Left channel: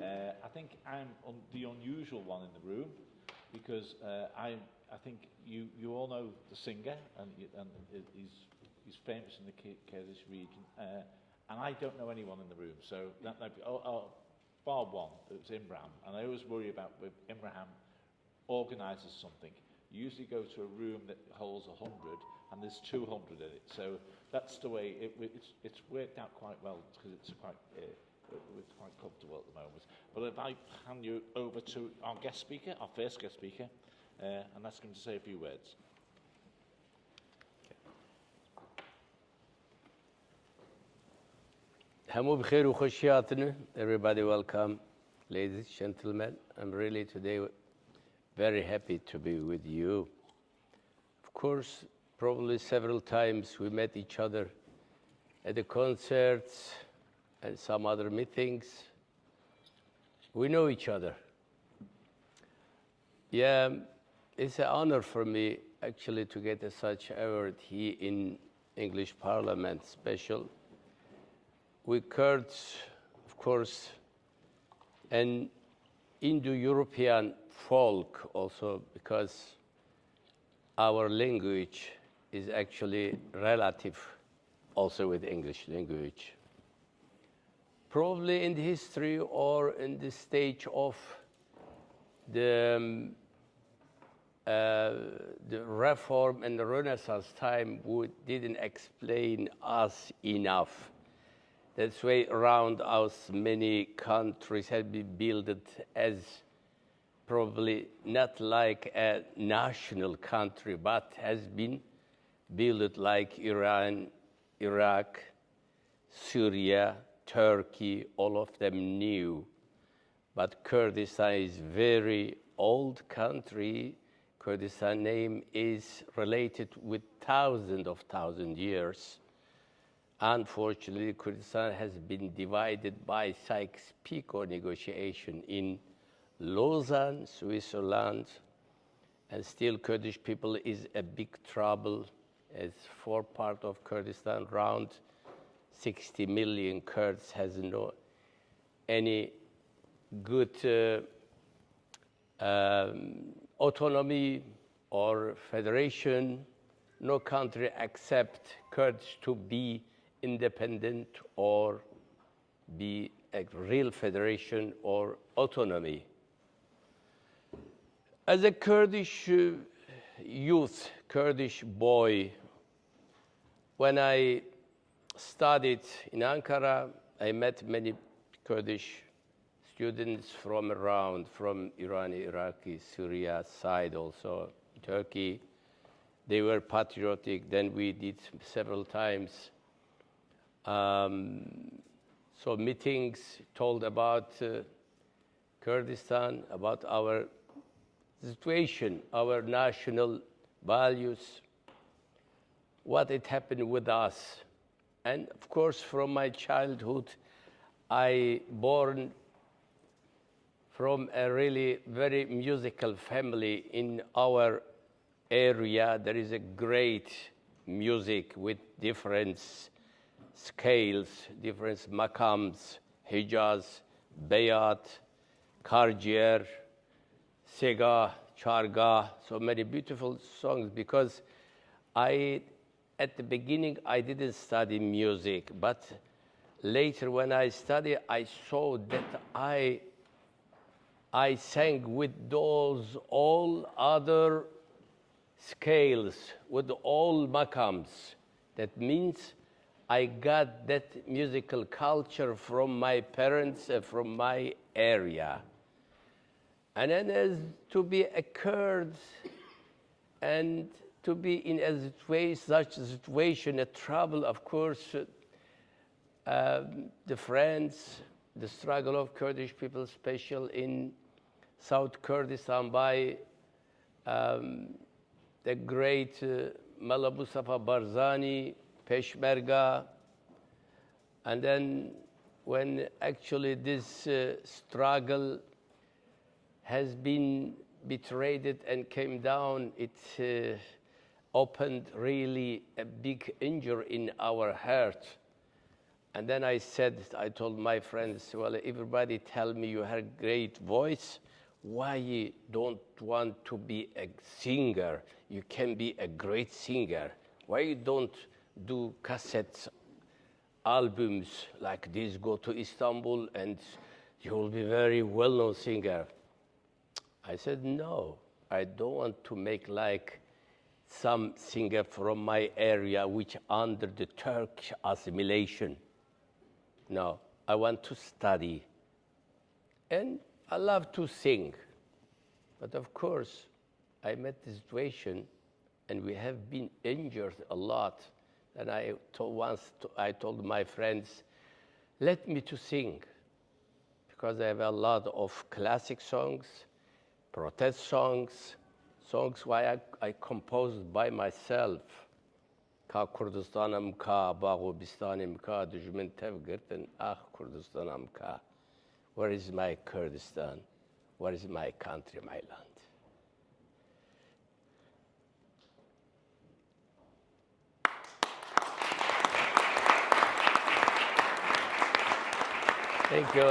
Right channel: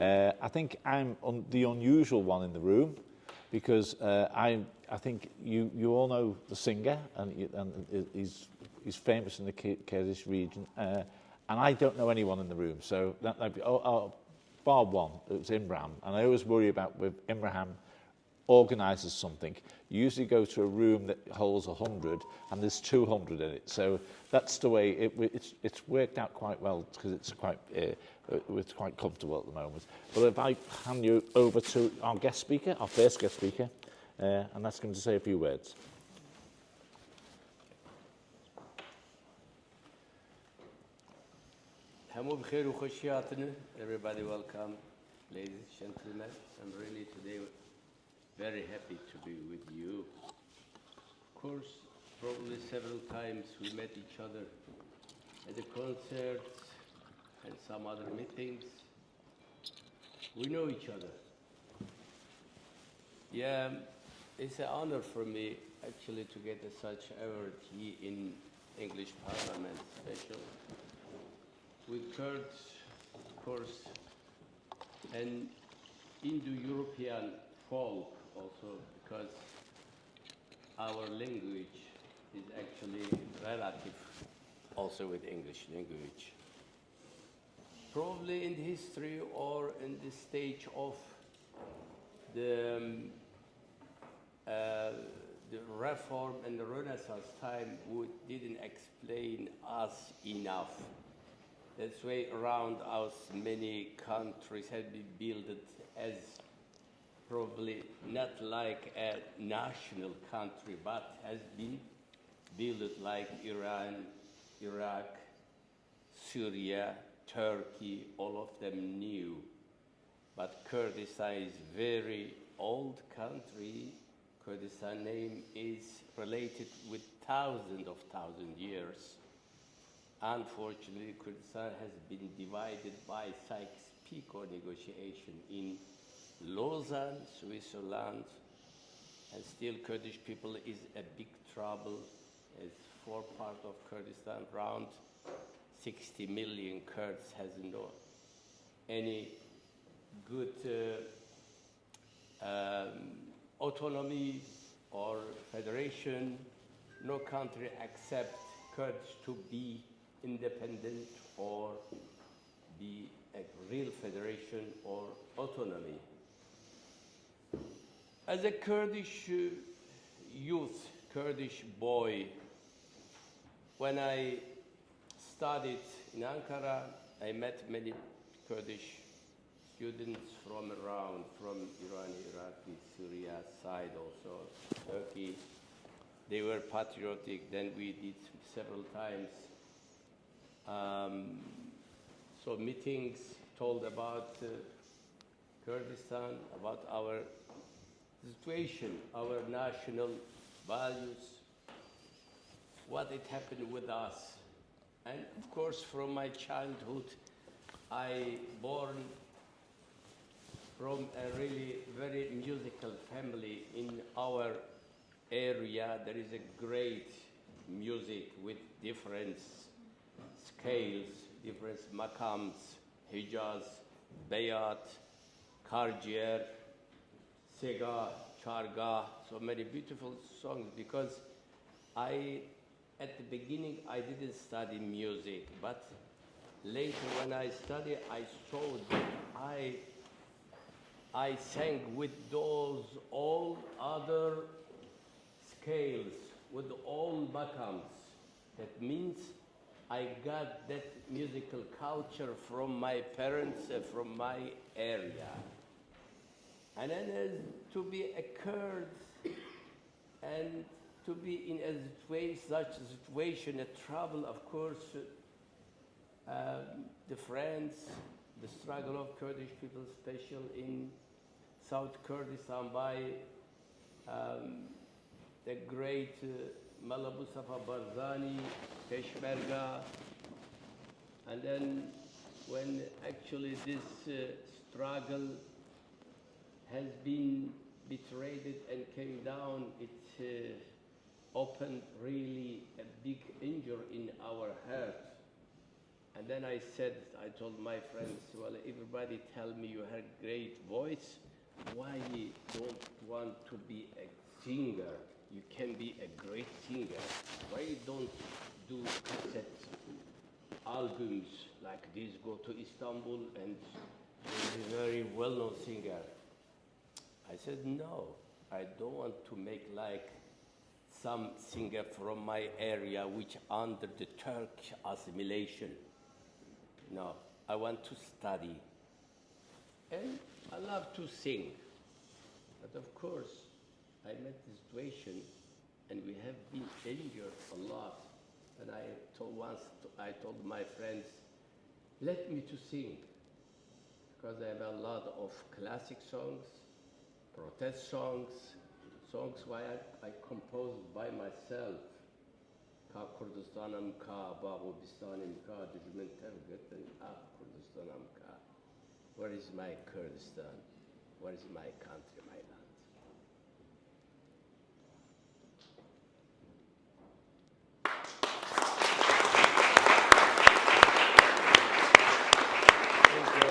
I think I'm the unusual one in the room because I think you all know the singer and he's famous in the Kurdish region and I don't know anyone in the room, so that'd be bar one. It's Imran, and I always worry about with Imran organises something. You usually go to a room that holds 100 and there's 200 in it, so that's the way it's worked out quite well because it's quite comfortable at the moment. But if I hand you over to our guest speaker, our first guest speaker, and ask him to say a few words. Everybody welcome, ladies, gentlemen. I'm really today very happy to be with you. Of course, probably several times we met each other at the concerts and some other meetings. We know each other. Yeah, it's an honor for me actually to get such award here in English Parliament, special. We Kurds, of course, and Indo-European folk also, because our language is actually relative also with English language. Probably in the history or in the stage of the reform and the Renaissance time, we didn't explain us enough. That's why around us many countries have been built as probably not like a national country, but has been built like Iran, Iraq, Syria, Turkey, all of them new. But Kurdistan is very old country. Kurdistan name is related with thousands years. Unfortunately, Kurdistan has been divided by Sykes-Picot negotiation in Lausanne, Switzerland, and still Kurdish people is a big trouble as for part of Kurdistan, around 60 million Kurds has no any good autonomy or federation. No country accept Kurds to be independent or be a real federation or autonomy. As a Kurdish youth, Kurdish boy, when I studied in Ankara, I met many Kurdish students from around, from Iran, Iraqi, Syria side also, Turkey. They were patriotic. Then we did several times so meetings told about Kurdistan, about our situation, our national values, what it happened with us. And of course, from my childhood, I born from a really very musical family. In our area, there is a great music with different scales, different makams, hijaz, bayat, karjer, sega, charga, so many beautiful songs. Because at the beginning, I didn't study music, but later when I studied, I saw that I sang with those all other scales, with all makams. That means I got that musical culture from my parents, from my area. And then as to be a Kurd and to be in such a situation, a trouble, of course, the friends, the struggle of Kurdish people, special in South Kurdistan by the great Mullah Mustafa Barzani, Peshmerga. And then when actually this struggle has been betrayed and came down, it opened really a big injury in our heart. And then I told my friends, well, everybody tell me you have a great voice. Why you don't want to be a singer? You can be a great singer. Why you don't do cassette albums like this, go to Istanbul and you'll be a very well-known singer? I said, no, I don't want to make like some singer from my area which under the Turkish assimilation. No, I want to study. And I love to sing. But of course, I met the situation and we have been injured a lot. And I told my friends, let me to sing. Because I have a lot of classic songs, protest songs, songs why I composed by myself. Ka Kurdistanım ka, bago bistanim ka, düşmen tevgirtin, ah Kurdistanım ka. Where is my Kurdistan? Where is my country, my land? Thank you.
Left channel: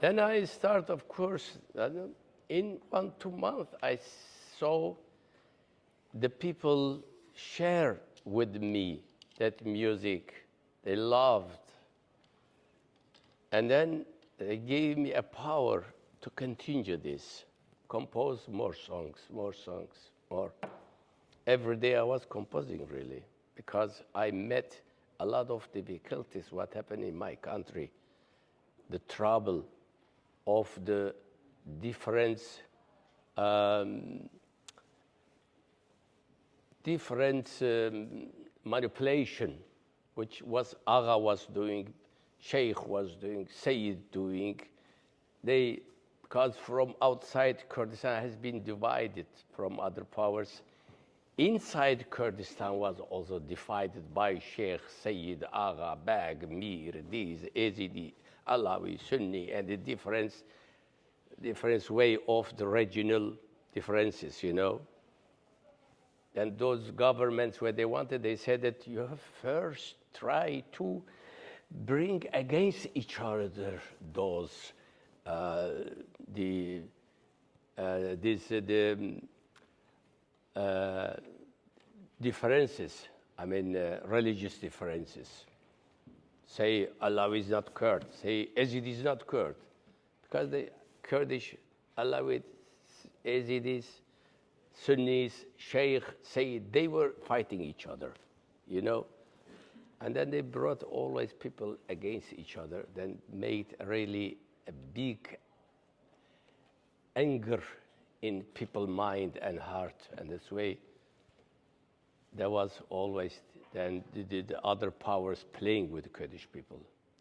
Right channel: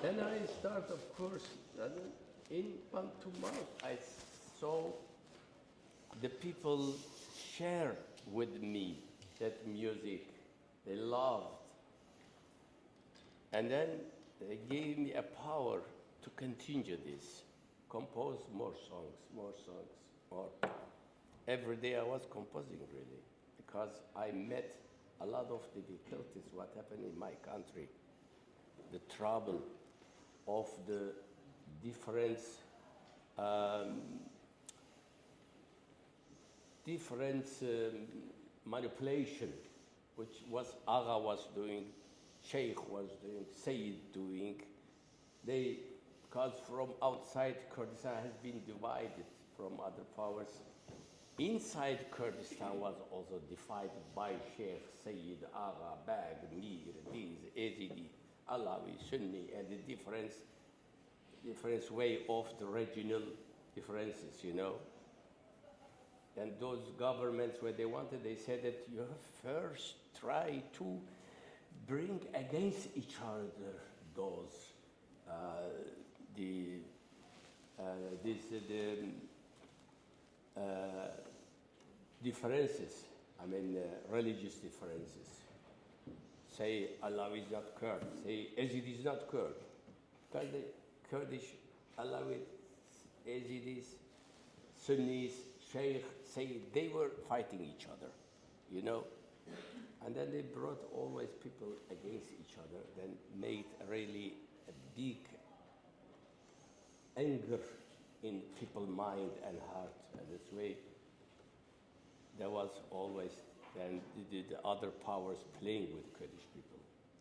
Then I start, of course, in 1-2 months, I saw the people share with me that music they loved. And then they gave me a power to continue this, compose more songs, more. Every day I was composing, really, because I met a lot of difficulties, what happened in my country, the trouble of the different manipulation, which was Agha was doing, Sheikh was doing, Sayyid doing. Because from outside Kurdistan has been divided from other powers. Inside Kurdistan was also divided by Sheikh, Sayyid, Agha, Bag, Mir, these, Yazidi, Alawi, Sunni, and the different way of the regional differences, you know. And those governments, where they wanted, they said that you have first try to bring against each other those differences, I mean religious differences. Say Alawi is not Kurd, say Yazidi is not Kurd. Because the Kurdish, Alawid, Yazidis, Sunnis, Sheikh, Sayyid, they were fighting each other, you know. And then they brought always people against each other, then made really a big anger in people's mind and heart. And this way, there was always then the other powers playing with the Kurdish people.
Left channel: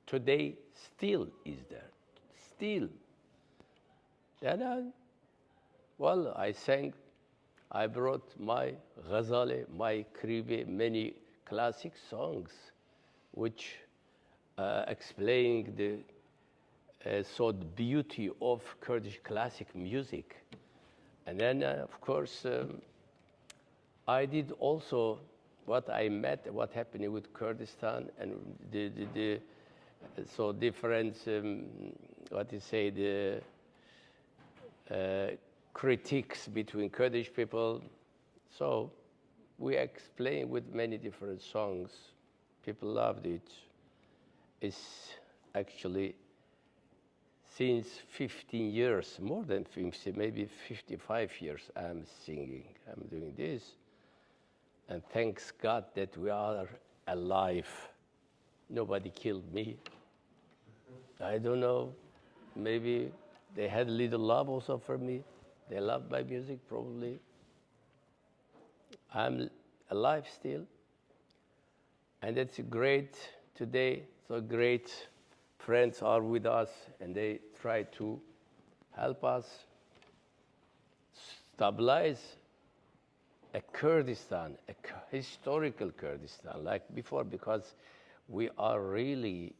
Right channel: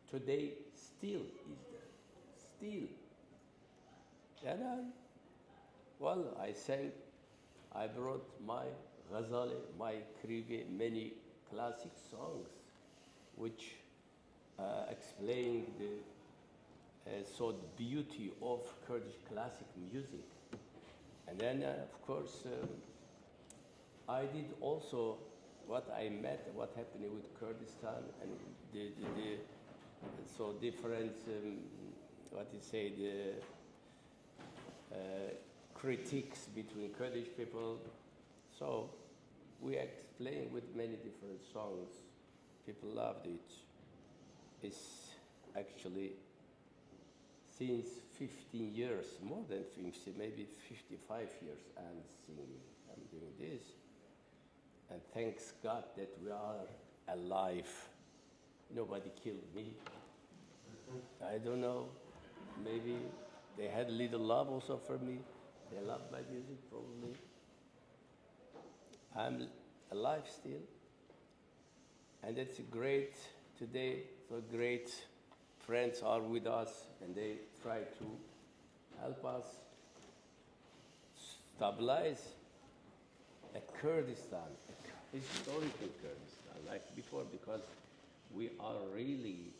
Today, still is there, still. Then I sang, I brought my Ghazali, my Krivi, many classic songs, which explain the beauty of Kurdish classic music. And then, of course, I did also what I met, what happened with Kurdistan, and so different, what you say, the critiques between Kurdish people. So we explained with many different songs. People loved it. It's actually since 15 years, more than 50, maybe 55 years, I'm singing, I'm doing this. And thanks God that we are alive. Nobody killed me. I don't know, maybe they had a little love also for me. They loved my music, probably. I'm alive still. And it's great today, so great friends are with us, and they try to help us stabilize a Kurdistan, a historical Kurdistan, like before, because we are really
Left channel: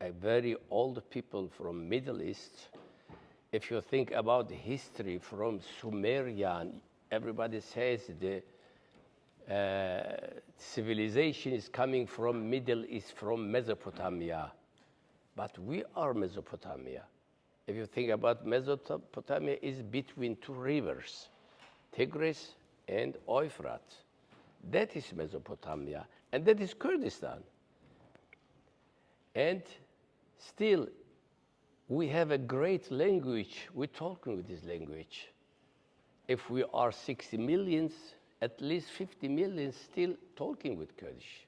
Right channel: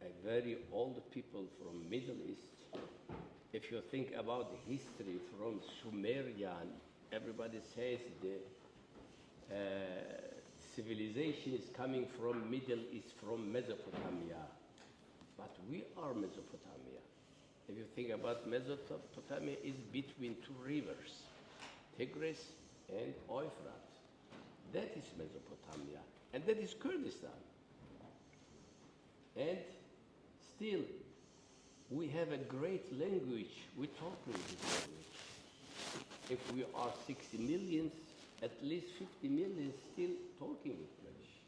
a very old people from Middle East. If you think about the history from Sumerian, everybody says the civilization is coming from Middle East, from Mesopotamia. But we are Mesopotamia. If you think about Mesopotamia, is between two rivers, Tigris and Euphrates. That is Mesopotamia, and that is Kurdistan. And still, we have a great language. We're talking this language. If we are 60 million, at least 50 million still talking with Kurdish.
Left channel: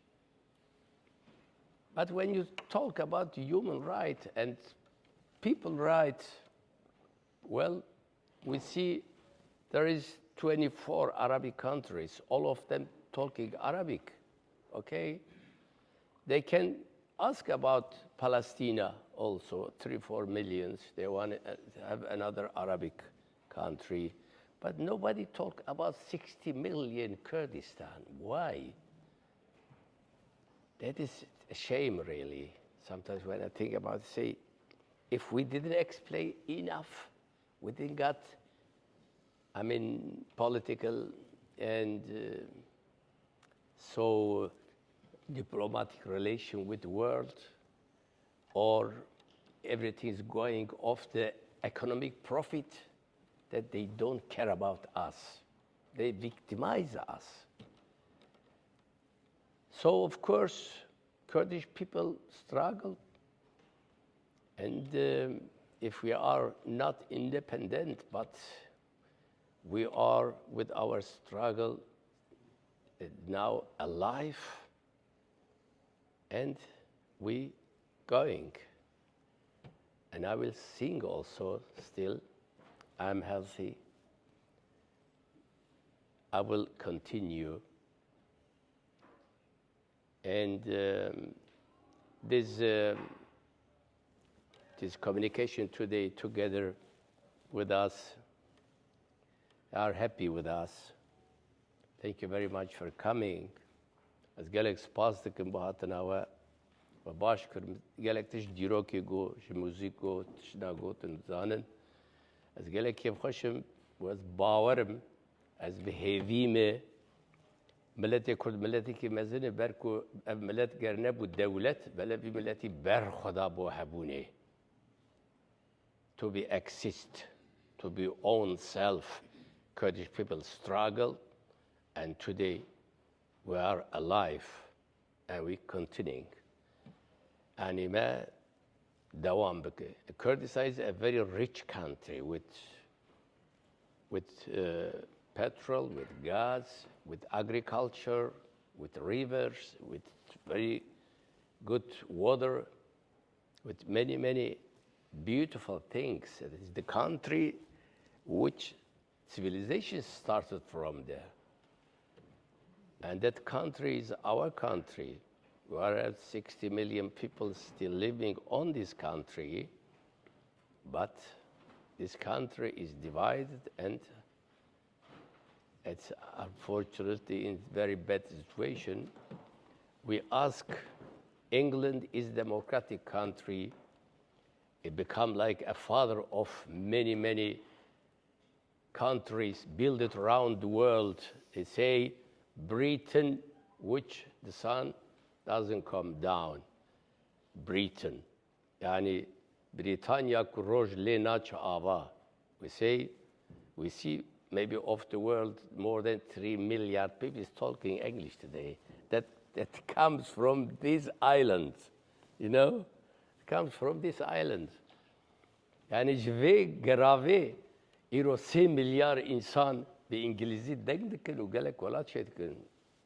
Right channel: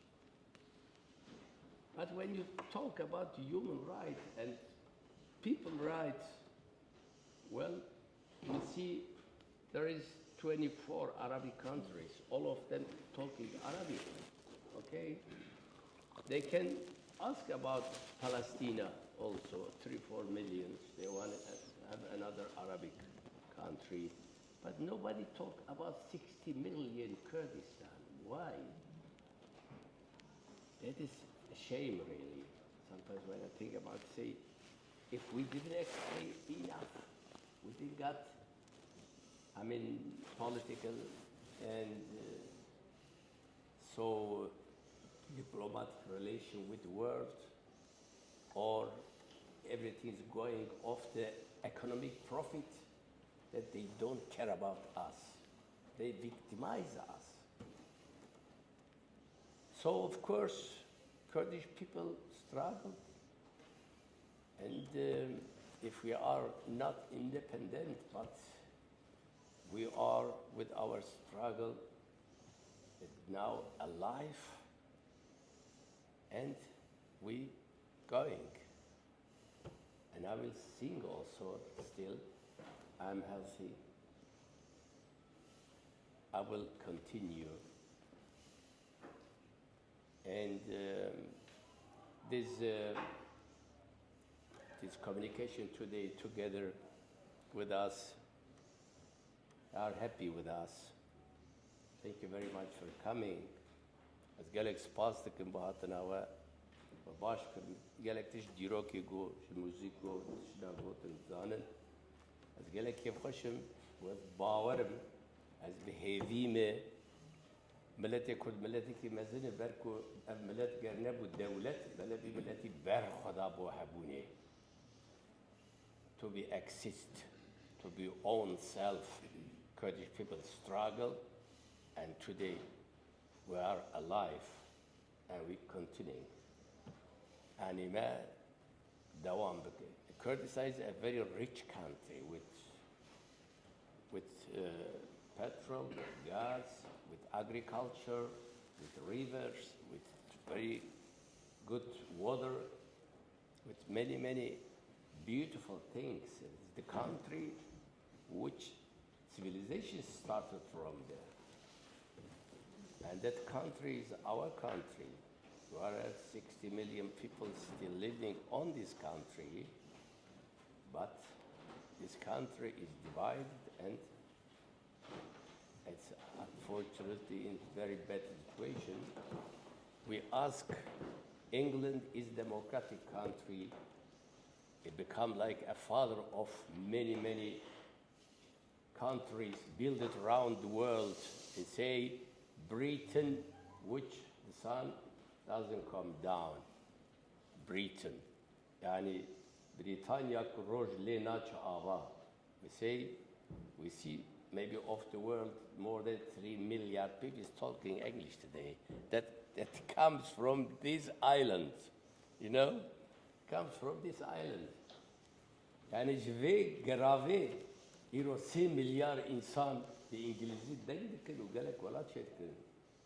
But when you talk about human rights and people rights, well, we see there is 24 Arabic countries, all of them talking Arabic, okay? They can ask about Palestine also, 3-4 millions. They want to have another Arabic country. But nobody talk about 60 million Kurdistan. Why? That is a shame, really. Sometimes when I think about it, say, if we didn't explain enough, we didn't got, political and so diplomatic relation with the world, or everything is going off the economic profit, that they don't care about us. They victimize us. So, of course, Kurdish people struggle. And if we are not independent, but we are with our struggle now alive, and we going. And I will sing also still. I'm healthy. I will continue. And this communication today together with us are happy with us. Thank you very much for coming. As gelek spas dikim bahatnawa و باش کرد gelek tish diroki go sh muziko tish nagotin zanen از gelek kif khoshem was باورم از بهویم ملت کرد ملتی که مزن برکو ملت گرنه بود دولت بله بی ملتی بر خدا بو حبونه to be exist, to be own self. Kurdish people struggle, and today we are alive, and we continuing. Anima dawam beke. Kurdistan is a very rich country with petrol, with gas, with agriculture, with rivers, with very good water, with many, many beautiful things. It is the country which civilization started from there. And that country is our country. We are 60 million people still living on this country, but this country is divided, and it's unfortunately in very bad situation. We ask, England is a democratic country. It become like a father of many, many countries built it around the world. They say Britain, which the sun doesn't come down. Britain. Yani Britannia kuroj lenach ava. We see maybe of the world more than 3 million people is talking English today. That comes from these islands, you know? Comes from this island. Yani jve grave iro 3 milyar insan be İngilizce dendikin u gelek wala çetkin.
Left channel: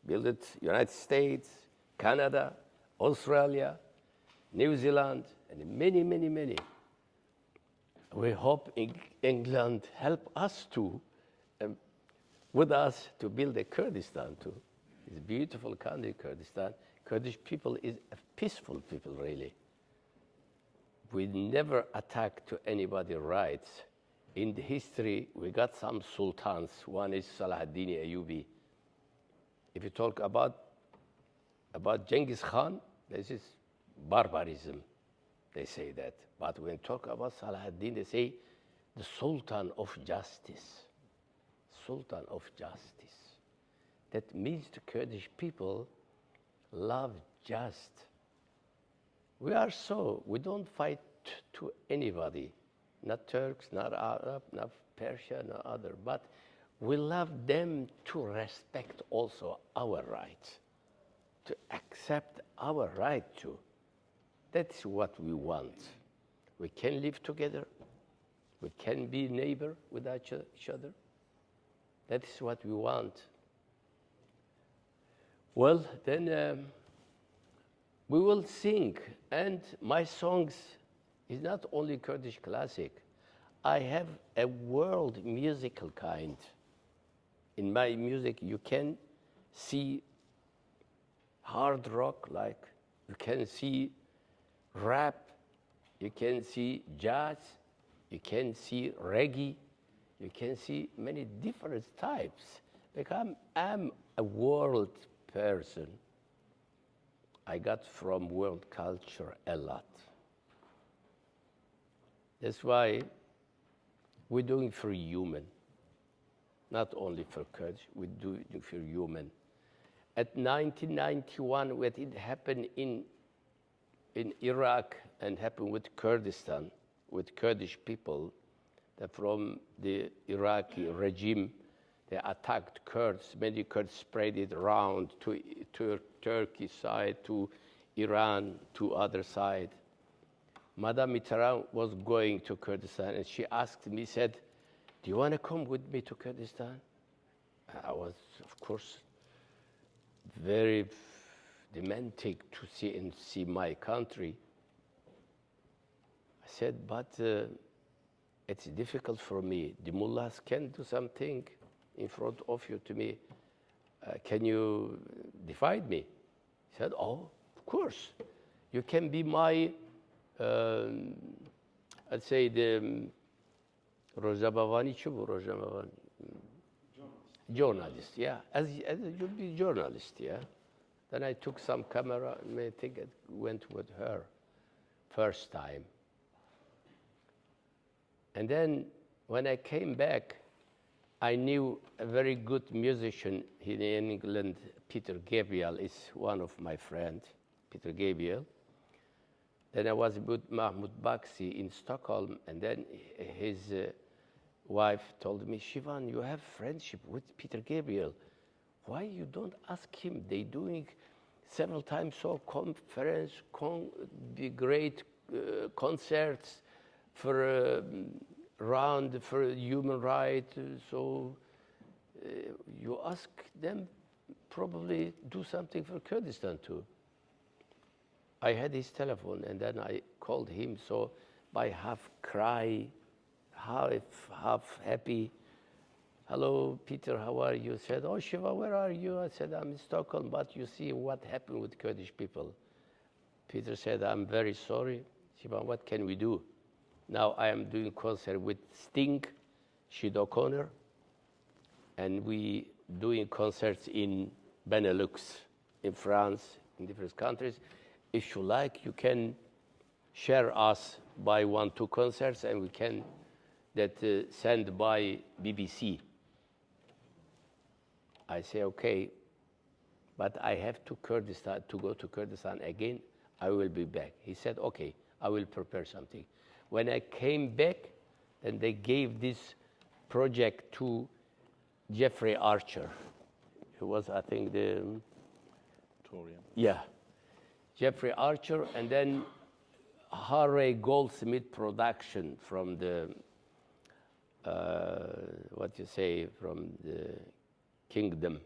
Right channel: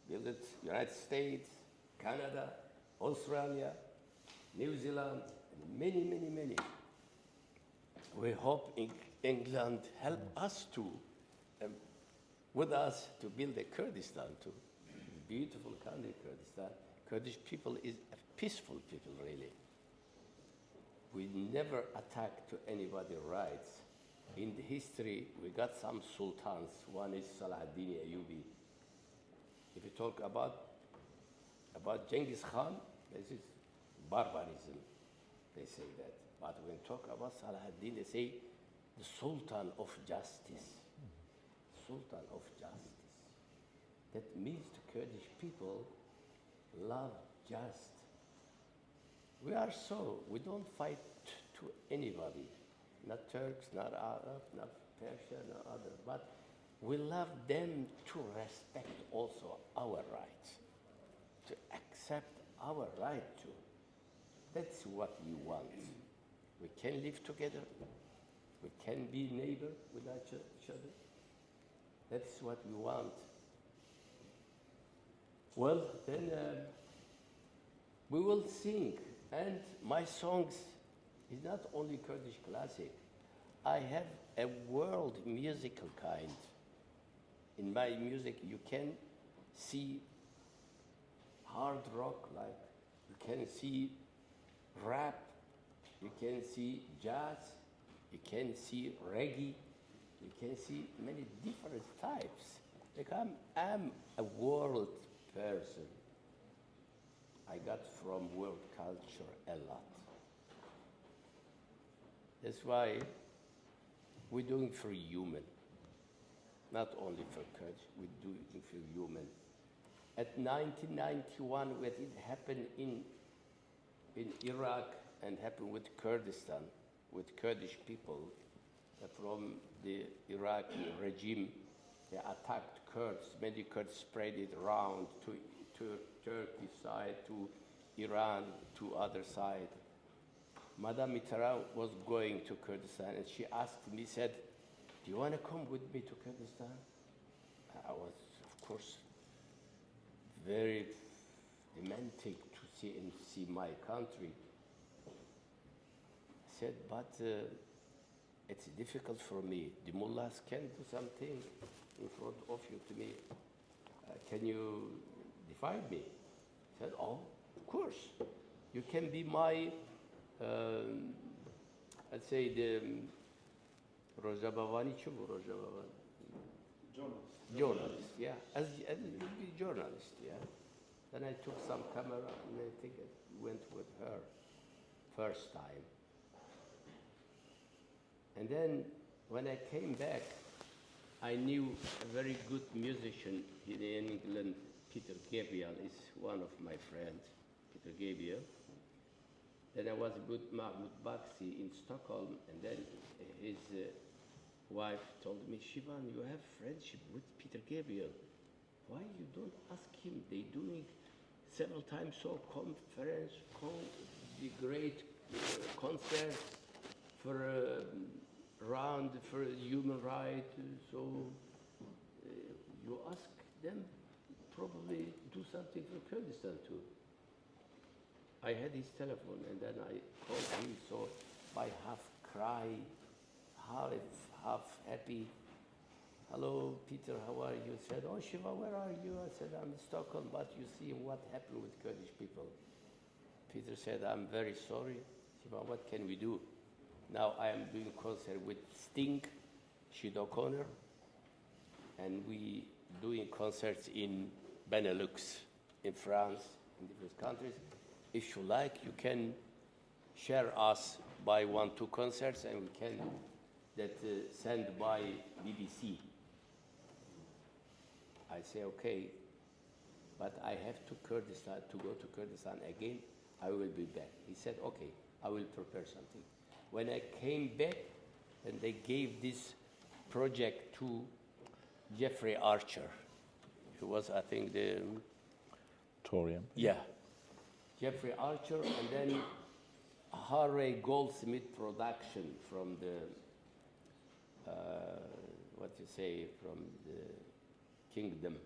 Build it United States, Canada, Australia, New Zealand, and many, many, many. We hope England help us to, with us to build a Kurdistan too. It's a beautiful country, Kurdistan. Kurdish people is a peaceful people, really. We never attack to anybody's rights. In the history, we got some sultans. One is Salahuddin Ayyubi. If you talk about Genghis Khan, this is barbarism. They say that. But when talk about Salahuddin, they say the Sultan of Justice. Sultan of Justice. That means the Kurdish people love just. We are so, we don't fight to anybody, not Turks, not Arab, not Persia, no other, but we love them to respect also our rights, to accept our right too. That's what we want. We can live together. We can be neighbor with each other. That is what we want. Well, then we will sing. And my songs is not only Kurdish classic. I have a world musical kind. In my music, you can see hard rock, like you can see rap, you can see jazz, you can see reggae, you can see many different types. Like I'm a world person. I got from world culture a lot. That's why we're doing for human, not only for Kurds, we're doing for human. At 1991, when it happened in Iraq and happened with Kurdistan, with Kurdish people, that from the Iraqi regime, they attacked Kurds. Many Kurds spread it around to Turkey side, to Iran, to other side. Madame Mitterrand was going to Kurdistan, and she asked me, said, "Do you want to come with me to Kurdistan?" I was, of course, very romantic to see my country. I said, but it's difficult for me. The mullahs can do something in front of you to me. Can you divide me? He said, oh, of course. You can be my, I'd say the Rojabavani Chubu, Rojabavani. Journalist, yeah. As you'll be journalist, yeah. Then I took some camera, and I think it went with her first time. And then when I came back, I knew a very good musician in England, Peter Gabriel, is one of my friends, Peter Gabriel. Then I was with Mahmoud Baksi in Stockholm, and then his wife told me, Şivan, you have friendship with Peter Gabriel. Why you don't ask him? They doing several times so conference, the great concerts for around for human rights. So you ask them, probably do something for Kurdistan too. I had his telephone, and then I called him. So I half cry, half happy. Hello, Peter, how are you? Said, oh, Shiva, where are you? I said, I'm in Stockholm, but you see what happened with Kurdish people. Peter said, I'm very sorry. Shiva, what can we do? Now I am doing concert with Sting, Sinead O'Connor, and we doing concerts in Benelux, in France, in different countries. If you like, you can share us by 1-2 concerts, and we can send by BBC. I say, okay, but I have to go to Kurdistan again. I will be back. He said, okay, I will prepare something. When I came back, and they gave this project to Jeffrey Archer, who was, I think, the Torian. Yeah, Jeffrey Archer, and then Harry Goldsmith production from the from the kingdom.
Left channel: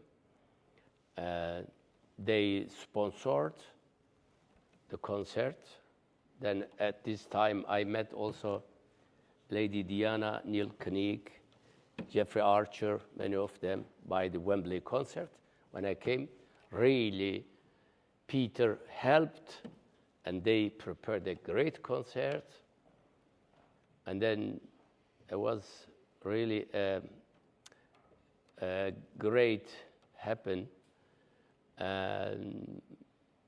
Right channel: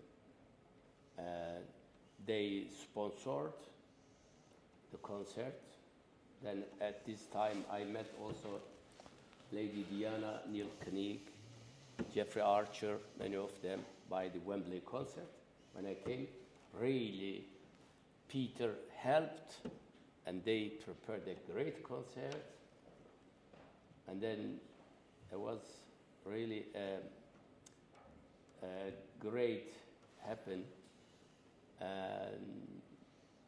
They sponsored the concert. Then at this time, I met also Lady Diana, Neil Kinnock, Jeffrey Archer, many of them, by the Wembley concert. When I came, really, Peter helped, and they prepared a great concert. And then it was really a great happen. And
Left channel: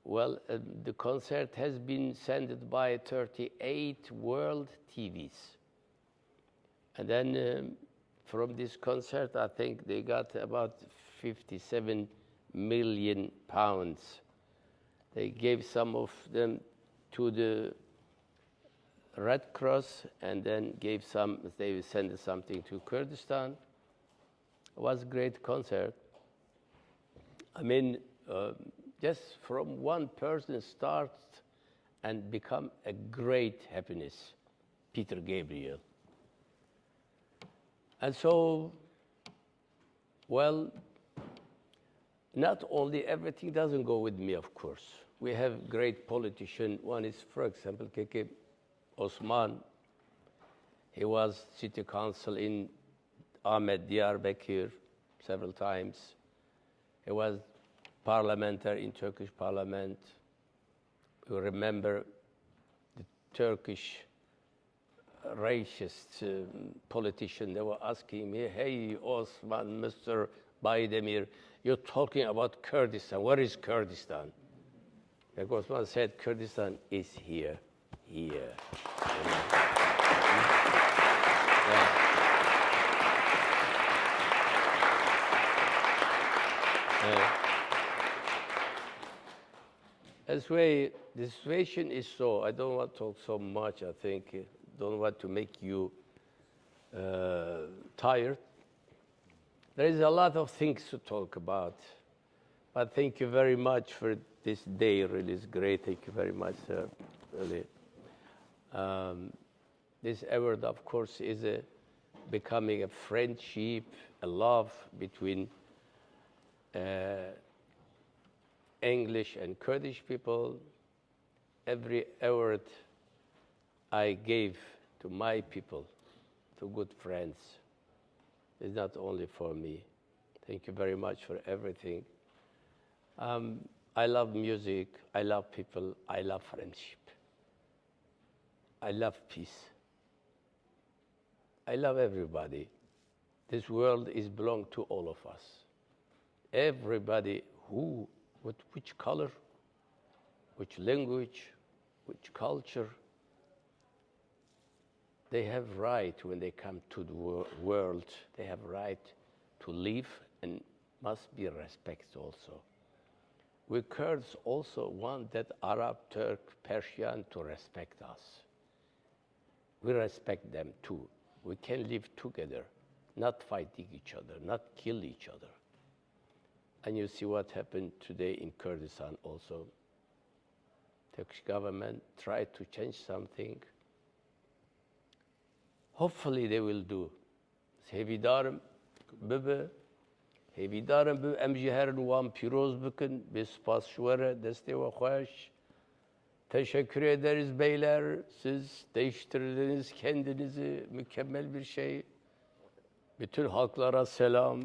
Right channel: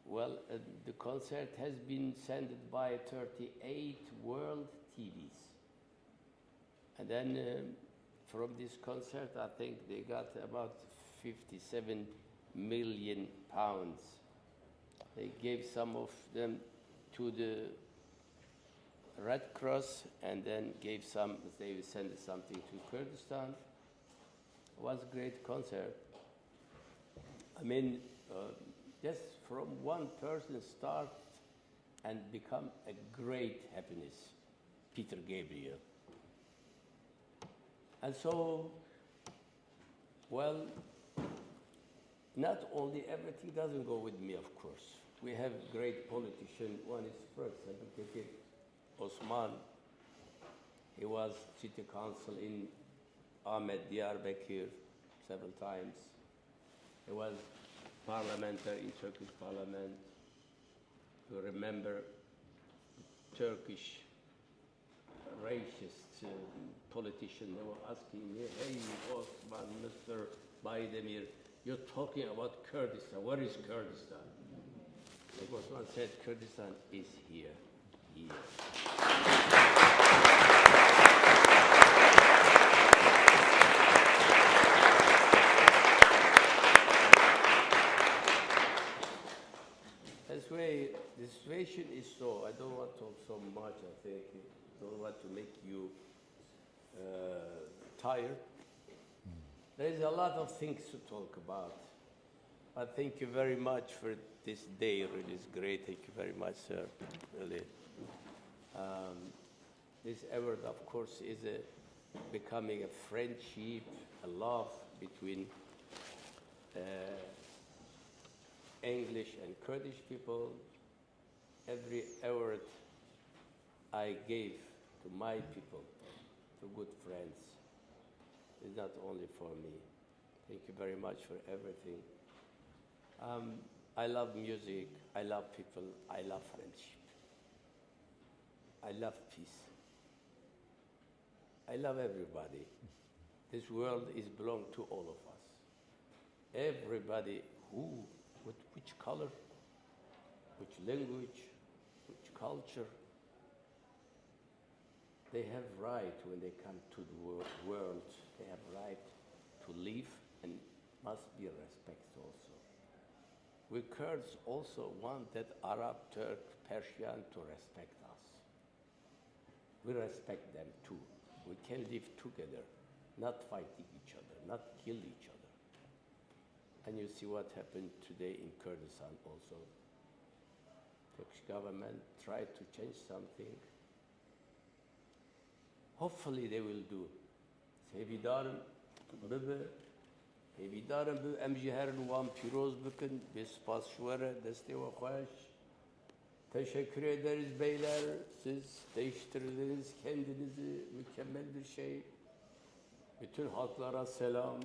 well, the concert has been sent by 38 world TVs. And then from this concert, I think they got about £57 million They gave some of them to the Red Cross, and then gave some, they sent something to Kurdistan. It was a great concert. I mean, just from one person start and become a great happiness, Peter Gabriel. And so, well, not only everything doesn't go with me, of course. We have great politicians. One is, for example, Keke Osman. He was city council in Ahmed Diyarbakir several times. He was parliamentary in Turkish parliament. You remember the Turkish racist politician, they were asking me, hey, Osman, Mr. Baydemir, you're talking about Kurdistan. Where is Kurdistan? Like Osman said, Kurdistan is here. That's why the situation is so, I don't want to talk so much, I think, don't want to make you tired. There is a lot of things to talk about, but thank you very much for this day, really is great, thank you very much, sir, really. This award, of course, is becoming a friendship, a love between English and Kurdish people. Every award I gave to my people, to good friends, is not only for me. Thank you very much for everything. I love music, I love people, I love friendship. I love peace. I love everybody. This world is belong to all of us. Everybody who, which color, which language, which culture, they have right when they come to the world, they have right to live and must be respected also. We Kurds also want that Arab, Turk, Persian to respect us. We respect them too. We can live together, not fighting each other, not kill each other. And you see what happened today in Kurdistan also. Turkish government tried to change something. Hopefully they will do. Sevidarım bebe, sevidarım bu emciher nuam piroz bükün, bespas şuvara deste ve hoş. Teşekkür ederiz beyler. Siz değiştirdiniz kendinizi, mükemmel bir şey. Bütün halklara selam.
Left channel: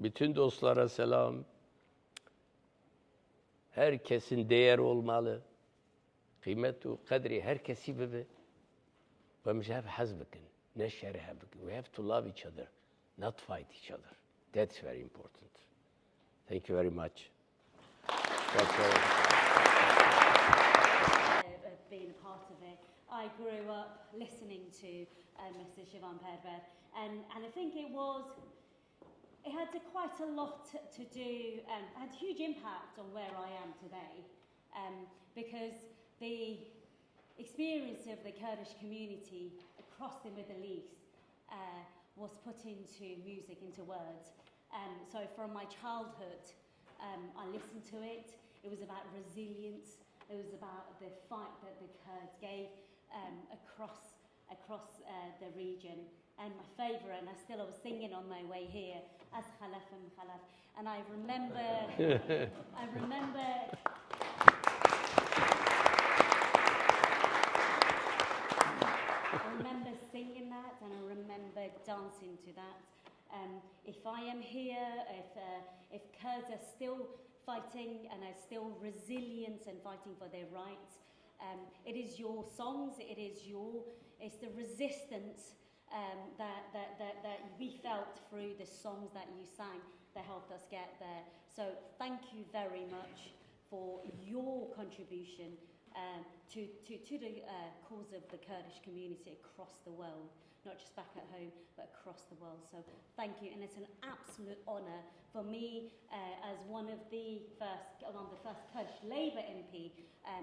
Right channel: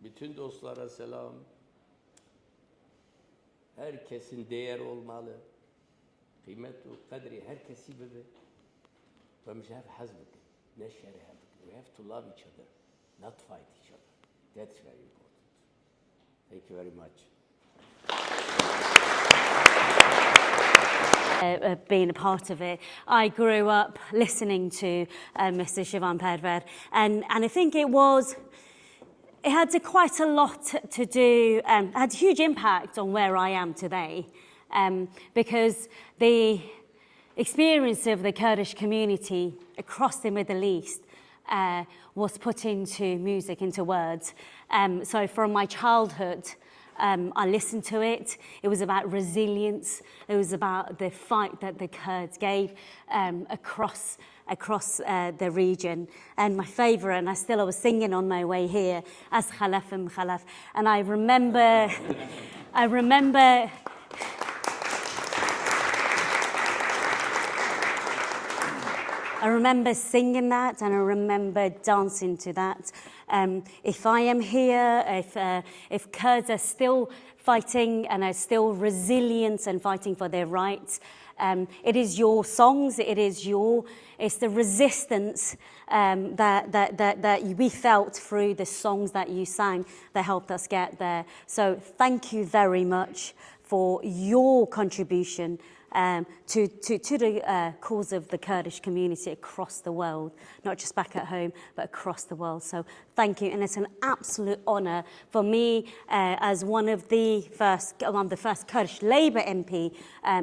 Bütün dostlara selam. Herkesin değer olmalı. Kıymet ve kadri herkesi bebe. We have to love each other, not fight each other. That's very important. Thank you very much. Being a part of it, I grew up listening to Mr. Şivan Perwer, and I think it had quite a lot to do, had a huge impact on where I am today, because the experience of the Kurdish community across the Middle East was put into music, into words. So from my childhood, I listened to it. It was about resilience. It was about the fight that the Kurds gave across the region. And my favourite, and I was singing on my way here, as Khalafim Khalaf. And I remember, I remember singing that, and I remember dancing to that. If I am here, if Kurds are still fighting and are still resilient and fighting for their rights, it is your songs, it's the resistance that we felt through the songs that you sang that helped us get there. So thank you very much for your contribution to the cause of the Kurdish community across the world, not just back at home, but across the world. So thank you, and it's an absolute honour for me as one of the first Kurdish Labour MP,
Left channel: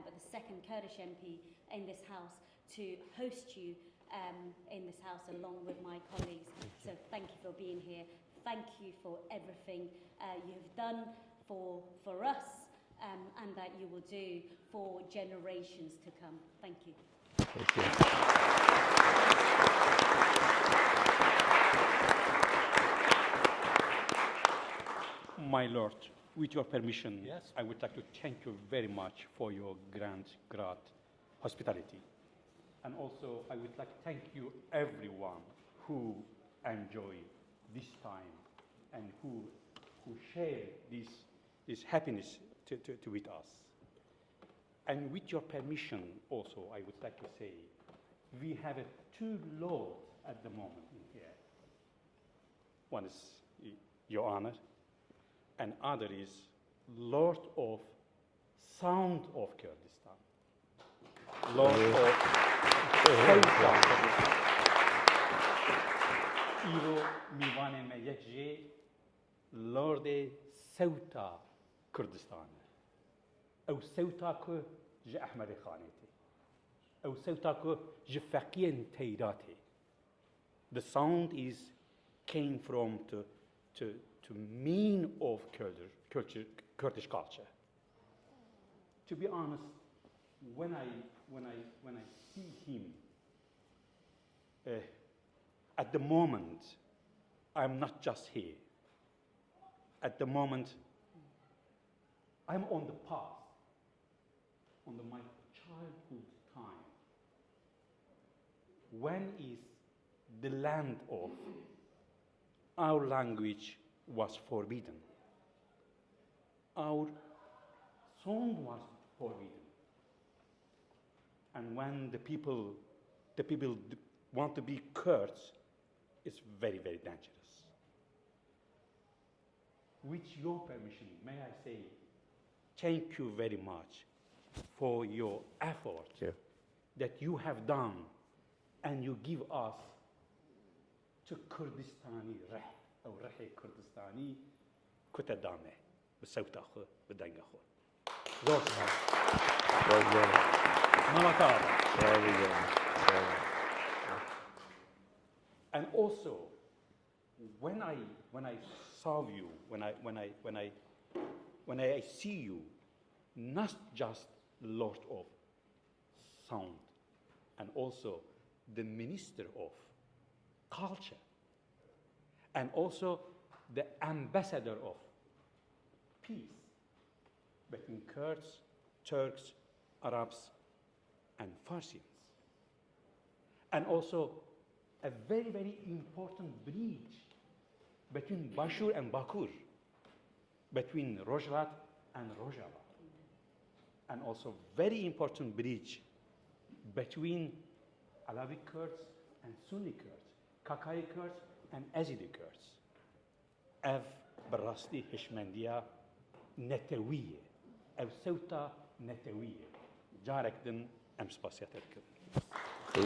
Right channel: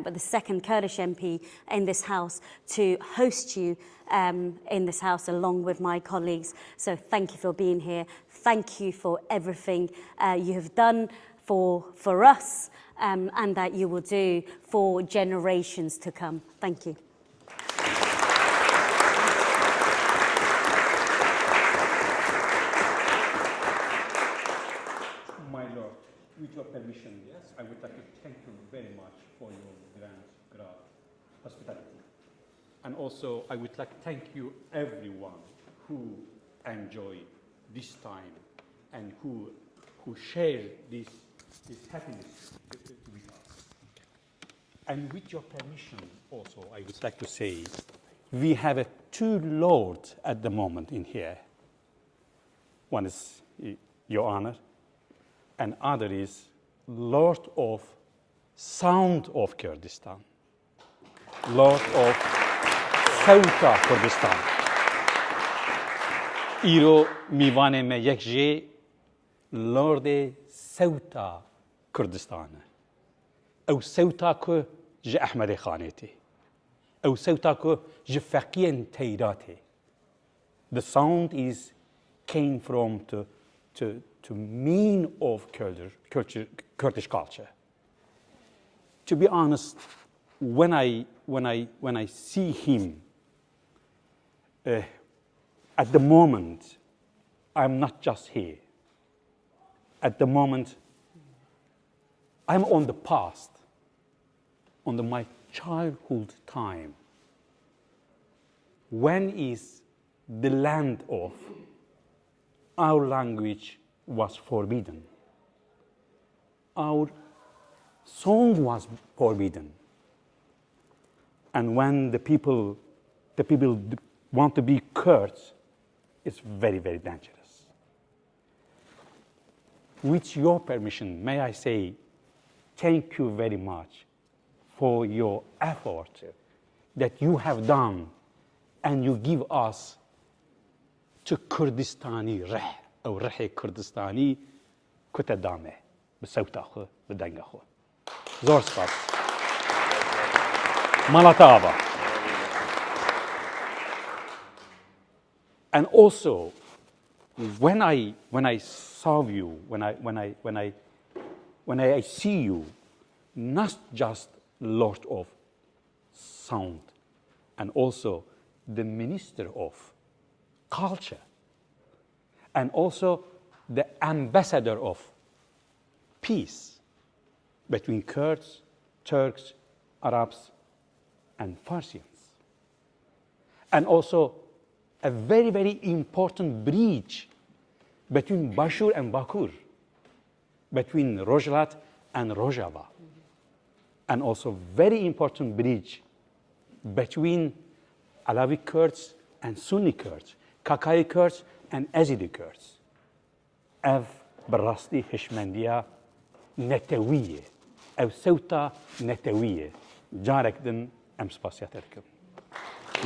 but the second Kurdish MP in this House, to host you in this House along with my colleagues. So thank you for being here. Thank you for everything you have done for us, and that you will do for generations to come. Thank you. Thank you. My Lord, with your permission, yes, I would like to thank you very much for your great hospitality. And also, I would like to thank you everyone who enjoy this time and who share this happiness with us. And with your permission, also, I would like to say, we have two lords at the moment in here. One is Your Honor, and other is Lord of Sound of Kurdistan, Lord of South Kurdistan. ایرو میوان ما یک جه لورد سوتا کردستانه او سوتا که جه احمد خانیتی او سوتا که جه فقین تیراتی. The sound came from to mean of Kurdish culture. To be honest, when I see him, at the moment, I'm not just here. At the moment, I'm on the past, on my childhood time. When is the land of our language was forbidden? Our song was forbidden. And when the people want to be Kurds, it's very, very dangerous. With your permission, may I say thank you very much for your effort that you have done and you give us to Kurdistani reh, or reh Kurdistani kutadame, بصوت أخو بدنگ أخو. زور سپاس. Malataba. And also, when I saw you, when I see you, not just Lord of Sound, and also the Minister of Culture, and also the Ambassador of Peace between Kurds, Turks, Arabs, and Farsians, and also a very, very important bridge between Bashur and Bakur, between Rojlat and Rojava, and also very important bridge between Alawi Kurds and Sunni Kurds, Kakai Kurds and Azidi Kurds. Ev براستی هشمندیا نتویه او صوتا نتویه جارك دن ام سپاسياتكم.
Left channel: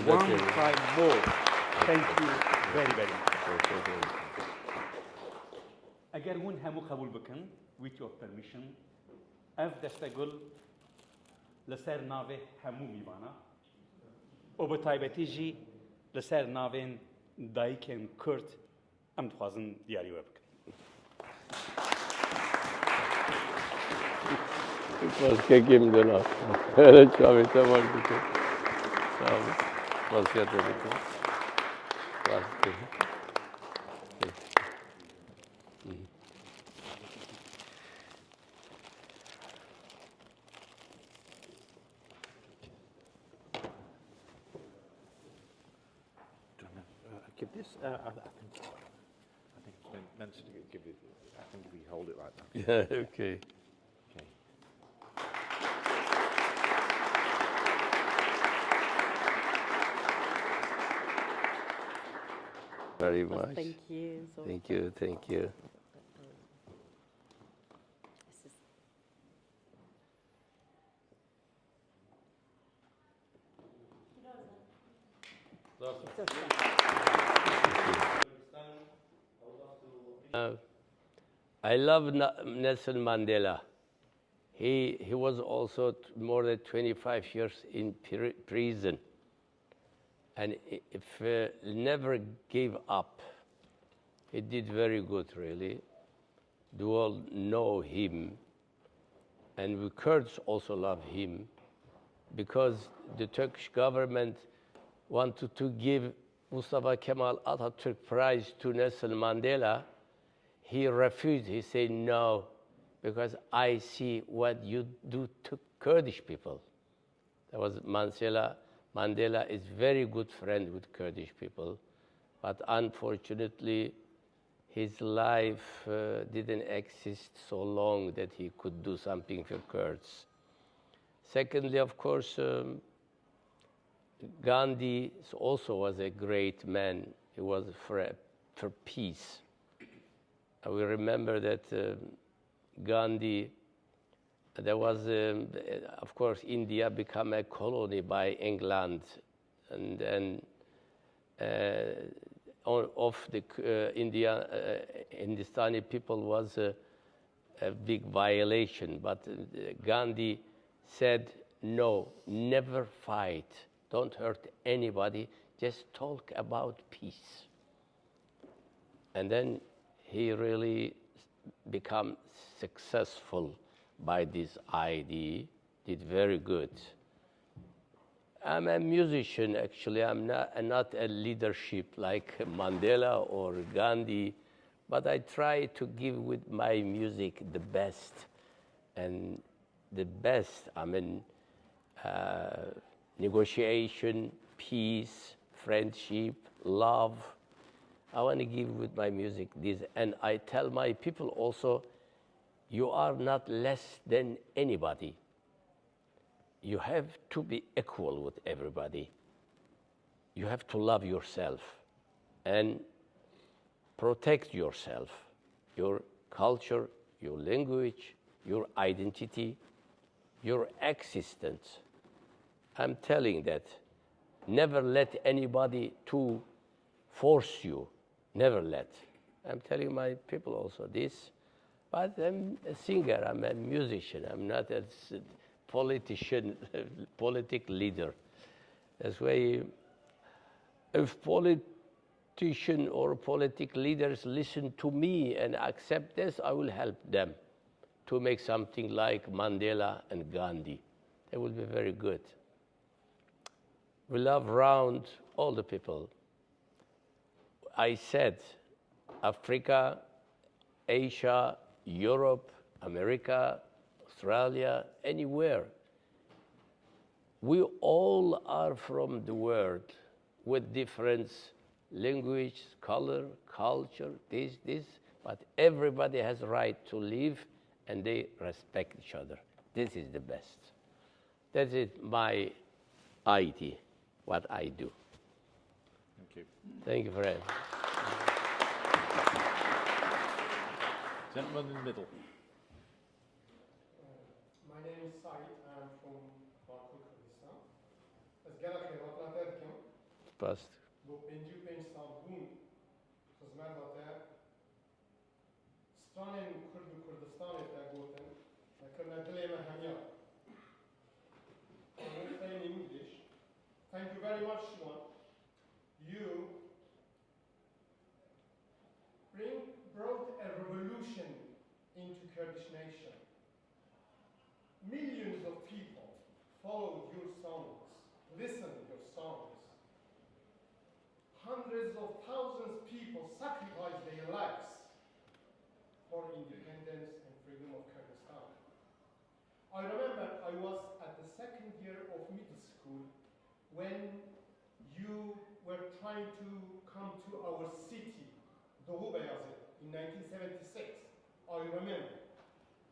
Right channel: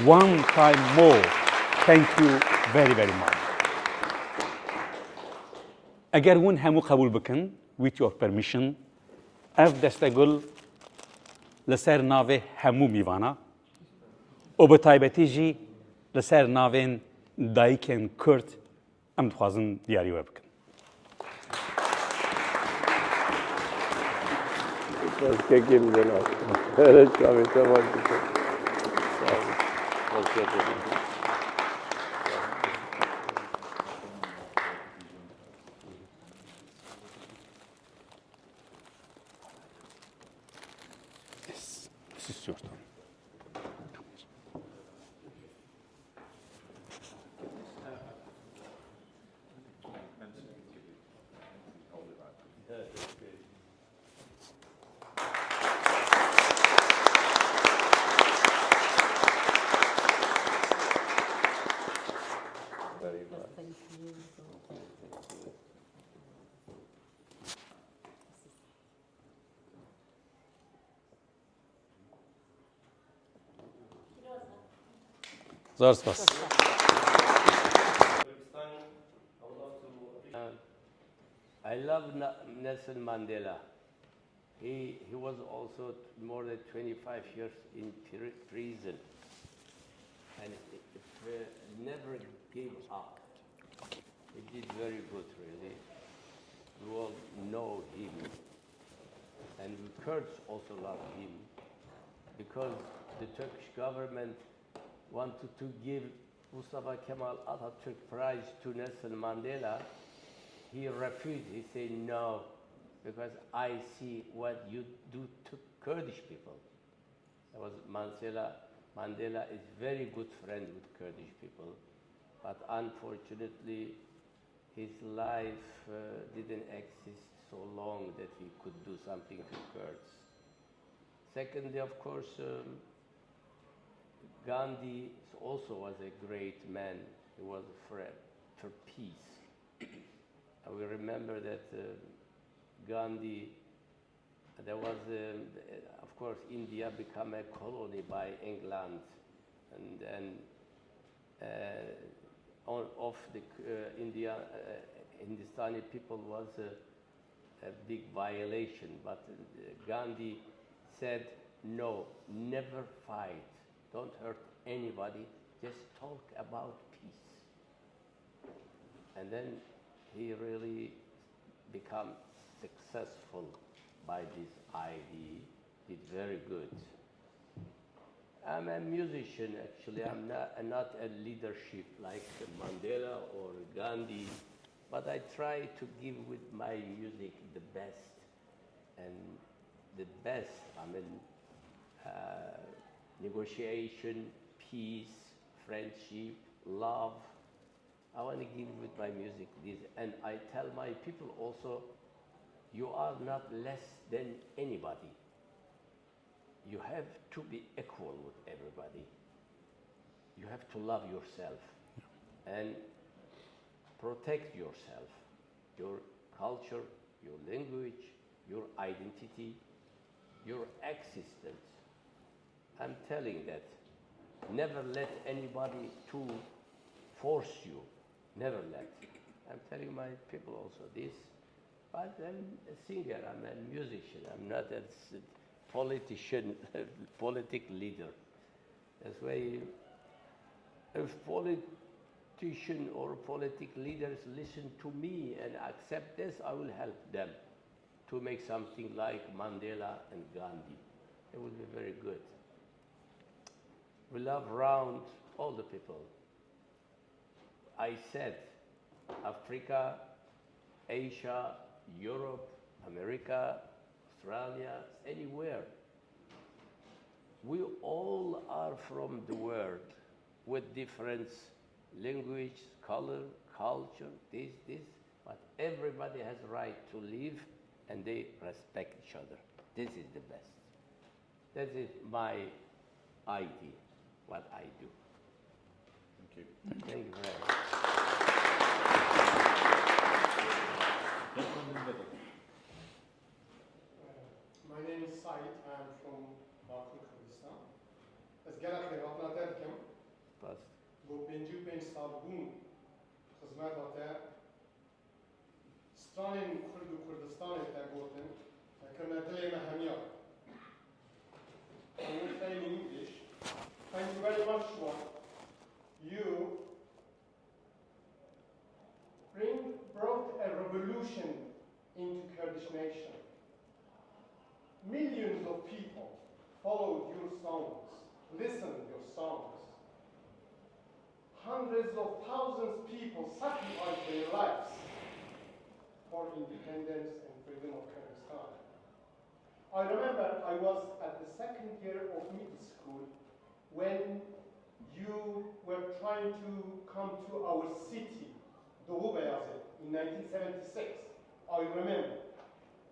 One time more, thank you very, very much. اگر ون همو قبول بکن with your permission, اف دستگل لسر ناوه همو میوانا و به تایبتی جی لسر ناوین دایکن کرد ام دخوازن دیاری و بکن. Başka kimden al? Öyle çavete var bir şey. Sağ olun. Olsa da This is your turn. Give this. I think mentioned it. Give it. I think we hold it like that. Yeah, okay. Very much. Thank you. Thank you, thank you. Zor spas. I love Nelson Mandela. He was also more than 25 years in prison. And if never gave up. He did very good, really. The world know him. And we Kurds also love him because the Turkish government wanted to give Mustafa Kemal Atatürk Prize to Nelson Mandela. He refused. He said, no, because I see what you do to Kurdish people. That was Mandela. Mandela is very good friend with Kurdish people, but unfortunately, his life didn't exist so long that he could do something for Kurds. Secondly, of course, Gandhi also was a great man. He was for peace. We remember that Gandhi, there was, of course, India became a colony by England, and then of the Hindustani people was a big violation. But Gandhi said, no, never fight. Don't hurt anybody. Just talk about peace. And then he really became successful by this idea, did very good. I'm a musician, actually. I'm not a leadership like Mandela or Gandhi, but I try to give with my music the best. And the best, I mean, negotiation, peace, friendship, love. I want to give with my music this. And I tell my people also, you are not less than anybody. You have to be equal with everybody. You have to love yourself and protect yourself, your culture, your language, your identity, your existence. I'm telling that. Never let anybody to force you. Never let. I'm telling my people also this. But I'm a singer, I'm a musician, I'm not a politician, political leader. That's why if politicians or political leaders listen to me and accept this, I will help them to make something like Mandela and Gandhi. It will be very good. We love around all the people. I said Africa, Asia, Europe, America, Australia, anywhere. We all are from the world with different language, color, culture, this, but everybody has a right to live and they respect each other. This is the best. That is my idea, what I do. Thank you. Thank you for that. Gentleman in the middle. My name is Said. I'm from Kurdistan. از گلک وطنا دادکم. Past. با 55 سال بوم خدمت هاته. ستران کرد و کردستان تاگوتن. كما دلی مهمیا. I will say in English. Thank you very much, Shwan. You brought a revolution into Kurdish nation. Millions of people followed your songs, listened to your songs. Hundreds of thousands of people sacrificed their lives for independence and freedom of Kurdistan. I remember I was at the second year of middle school when you were trying to come to our city, Doğu Beyazıt, in 1976. I remember.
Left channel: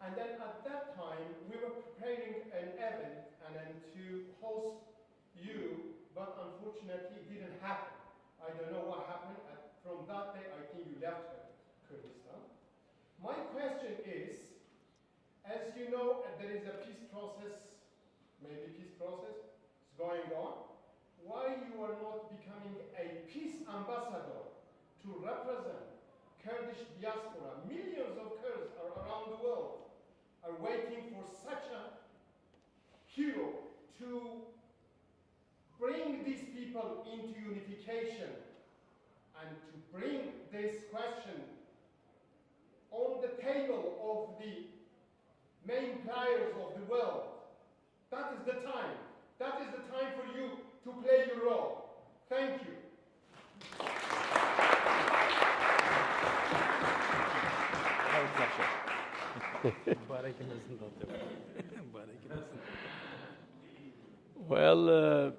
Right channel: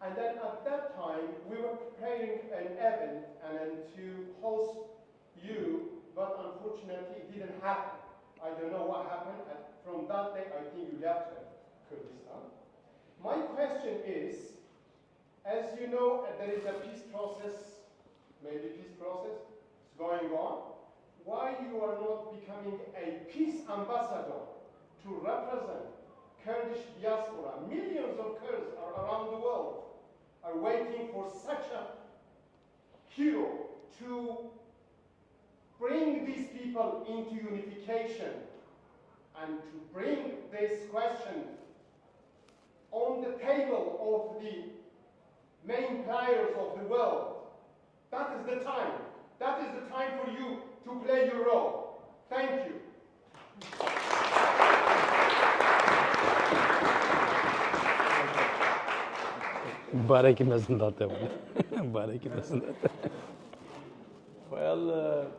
And then at that time, we were preparing an event and then to host you, but unfortunately it didn't happen. I don't know what happened. And from that day, I think you left Kurdistan. My question is, as you know, there is a peace process, maybe peace process, is going on. why you are not becoming a peace ambassador to represent Kurdish diaspora. Millions of Kurds are around the world are waiting for such a hero to bring these people into unification and to bring this question on the table of the main players of the world. That is the time. That is the time for you to play your role. Thank you. Barek yemesin zaten. Barek yemesin. Well,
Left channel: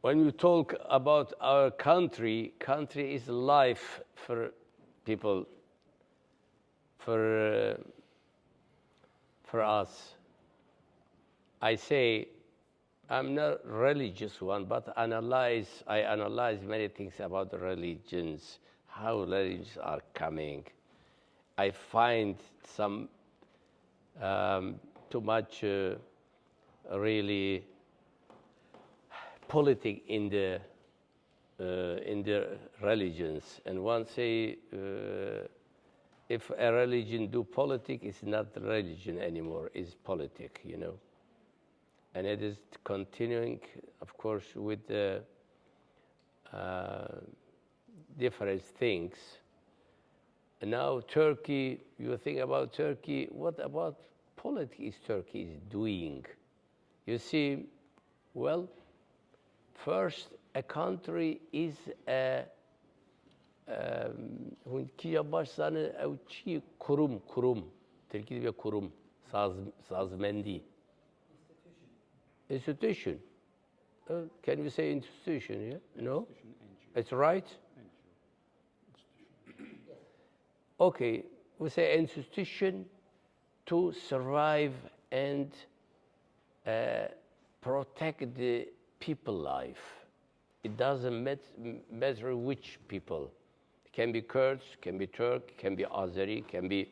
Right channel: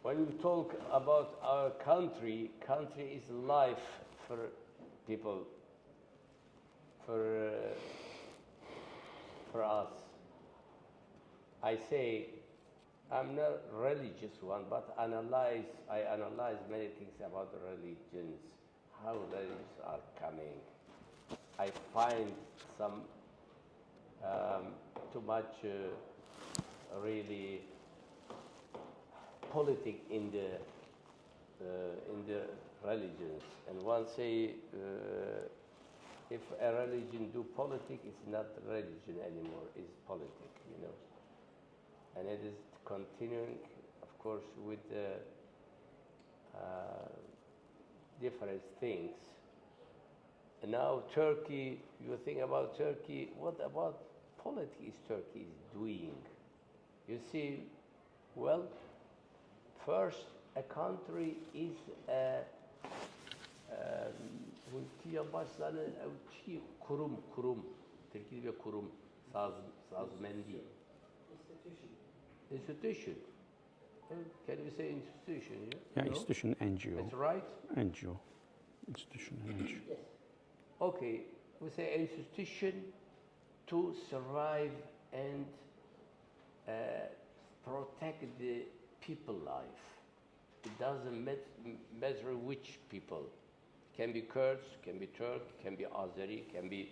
when we talk about our country, country is life for people, for us. I say, I'm not religious one, but I analyze many things about the religions, how religions are coming. I find some too much really politics in the religions. And one say, if a religion do politics, it's not religion anymore, it's politics, you know. And it is continuing, of course, with the different things. And now Turkey, you think about Turkey, what about politics Turkey is doing? You see, well, first, a country is a kurum, Türkiye bir kurum, sazmendi. Institution. Can you say institution? Yeah. Yeah, no? institution, NGO. That's right. NGO. Institution, NGO. Okay, we say institution to survive and protect the people life. It doesn't matter which people. It can be Kurds, can be Turk, can be Azeri, can be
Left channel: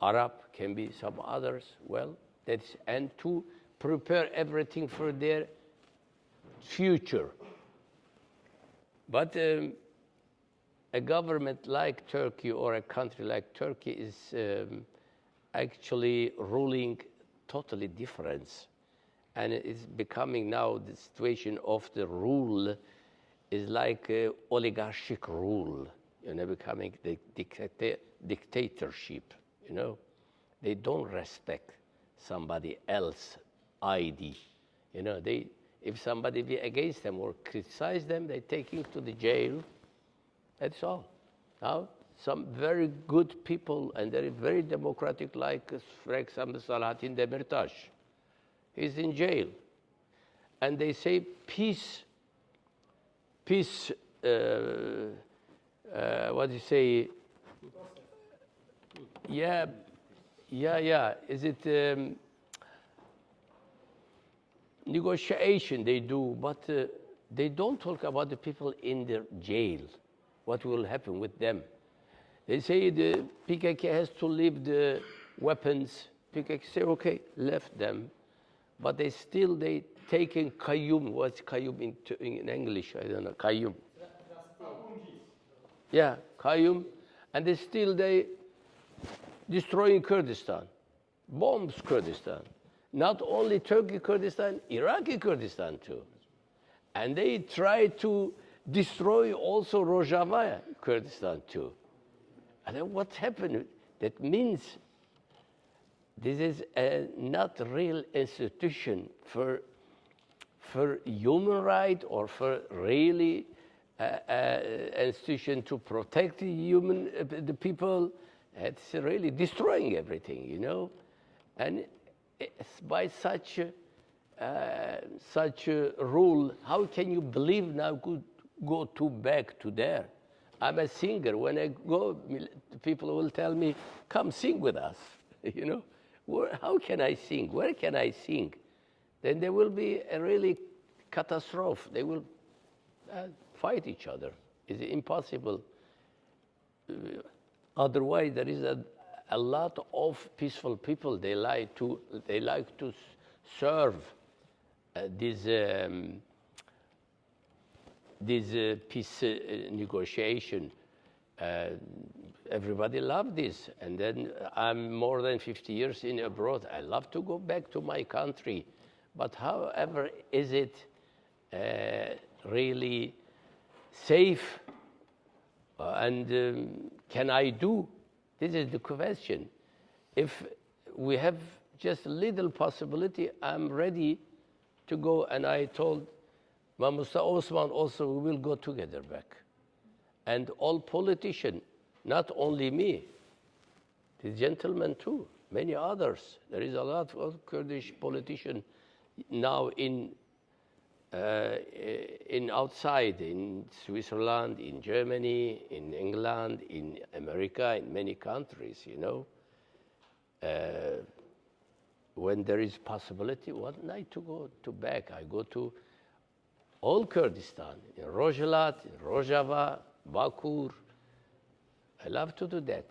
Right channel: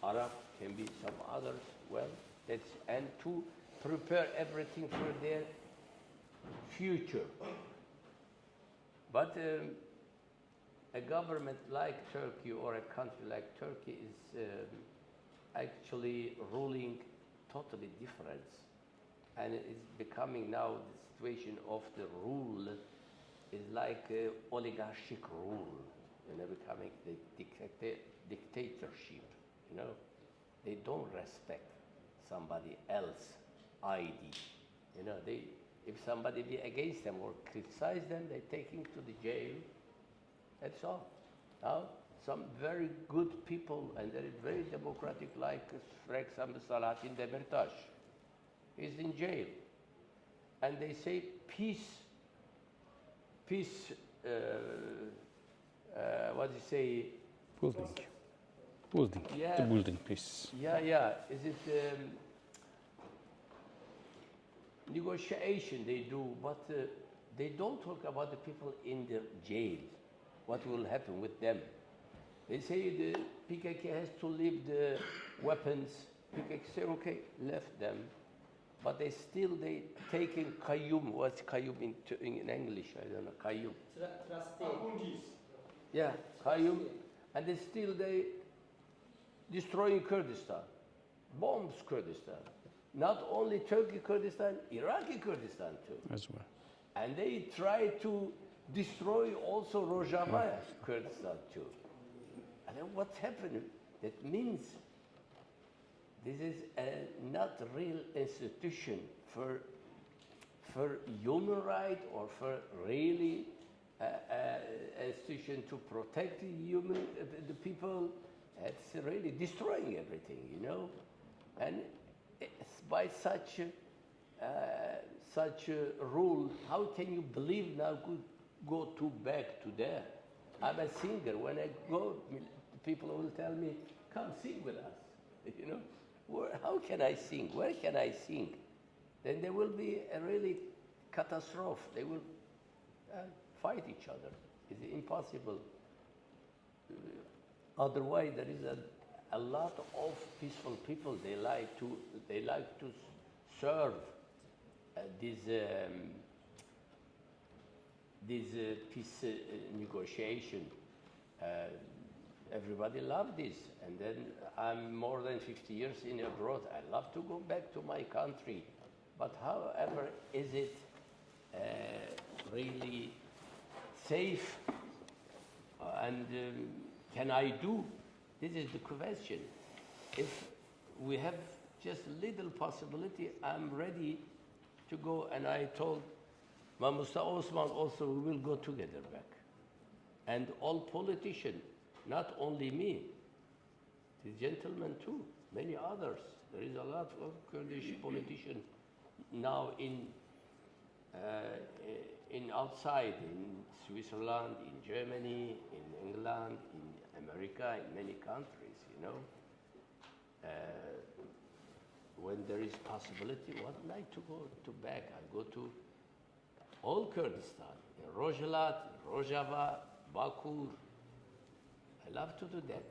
Arab, can be some others. Well, that's and to prepare everything for their future. But a government like Turkey or a country like Turkey is actually ruling totally different. And it's becoming now the situation of the rule is like oligarchic rule, you know, becoming the dictatorship, you know. They don't respect somebody else's ID. You know, if somebody be against them or criticize them, they take him to the jail. That's all. Now, some very good people and they're very democratic, like, for example, Salahattin Demirtas, he's in jail. And they say peace, what do you say? Building. Yeah. The building peace. Yeah. Is it negotiation they do, but they don't talk about the people in the jail, what will happen with them. They say the PKK has to leave the weapons. PKK say, okay, left them. But they taking Qayyum. What's Qayyum in English? I don't know. Qayyum. Yeah, Qayyum. And they destroying Kurdistan. Bombs Kurdistan. Not only Turkey Kurdistan, Iraqi Kurdistan too. As well. And they try to destroy also Rojava, Kurdistan too. And then what happened? That means this is not a real institution for human rights or for really institution to protect the people. It's really destroying everything, you know. And it's by such a rule, how can you believe now go back to there? I'm a singer. When I go, people will tell me, come sing with us, you know. How can I sing? Where can I sing? Then there will be a really catastrophe. They will fight each other. It's impossible. Otherwise, there is a lot of peaceful people. They like to serve this peace negotiation. Everybody loved this, and then I'm more than 50 years in abroad. I love to go back to my country, but however, is it really safe? And can I do? This is the question. If we have just a little possibility, I'm ready to go. And I told Musa Osman also, we will go together back. And all politicians, not only me, the gentleman too, many others. There is a lot of Kurdish politicians now in outside, in Switzerland, in Germany, in England, in America, in many countries, you know. When there is possibility, one night to go to back, I go to all Kurdistan, in Rojhelat, in Rojava, Bakur. I love to do that.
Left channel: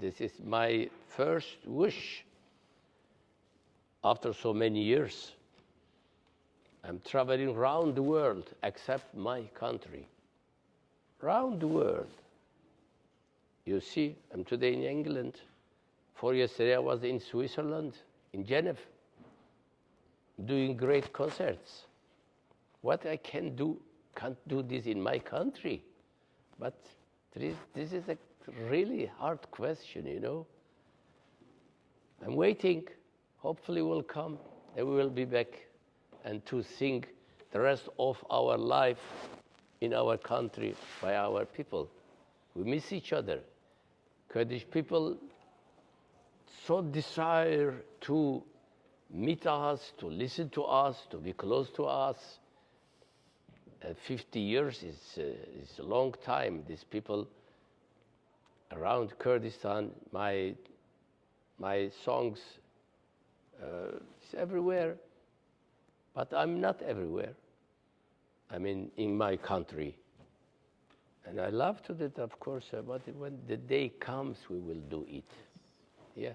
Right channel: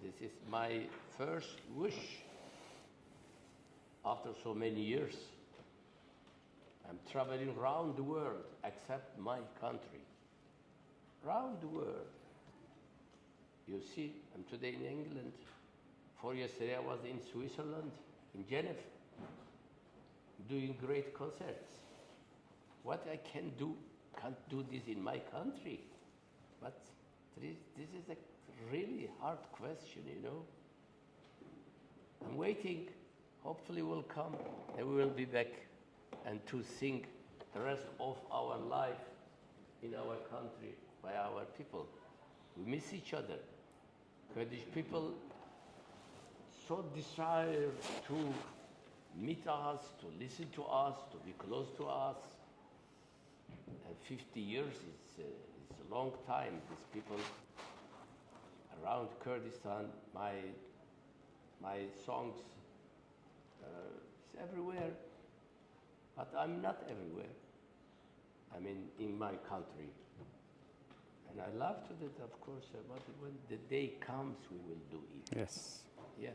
This is my first wish after so many years. I'm traveling around the world, except my country. Around the world. You see, I'm today in England. 4 years ago, I was in Switzerland, in Geneva, doing great concerts. What I can do, can't do this in my country. But this is a really hard question, you know. I'm waiting. Hopefully will come, and we will be back and to sing the rest of our life in our country by our people. We miss each other. Kurdish people so desire to meet us, to listen to us, to be close to us. 50 years is a long time. These people around Kurdistan, my songs, it's everywhere. But I'm not everywhere. I mean, in my country. And I love to do that, of course, but when the day comes, we will do it. Yes. Yeah.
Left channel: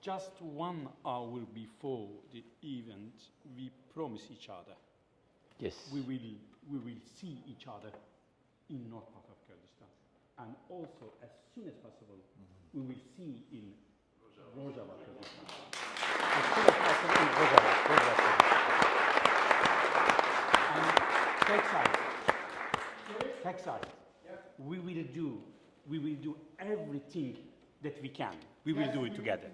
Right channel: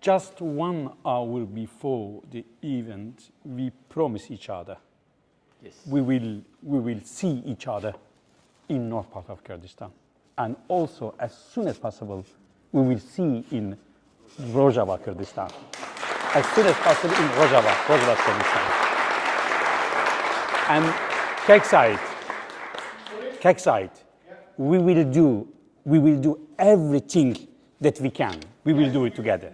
Just 1 hour before the event, we promise each other Yes. we will see each other in north part of Kurdistan. And also, as soon as possible, we will see in Rojava, Kurdistan. As soon as possible in Rojava, Kurdistan. And Kekside, we will do everything that we can. We will do it together.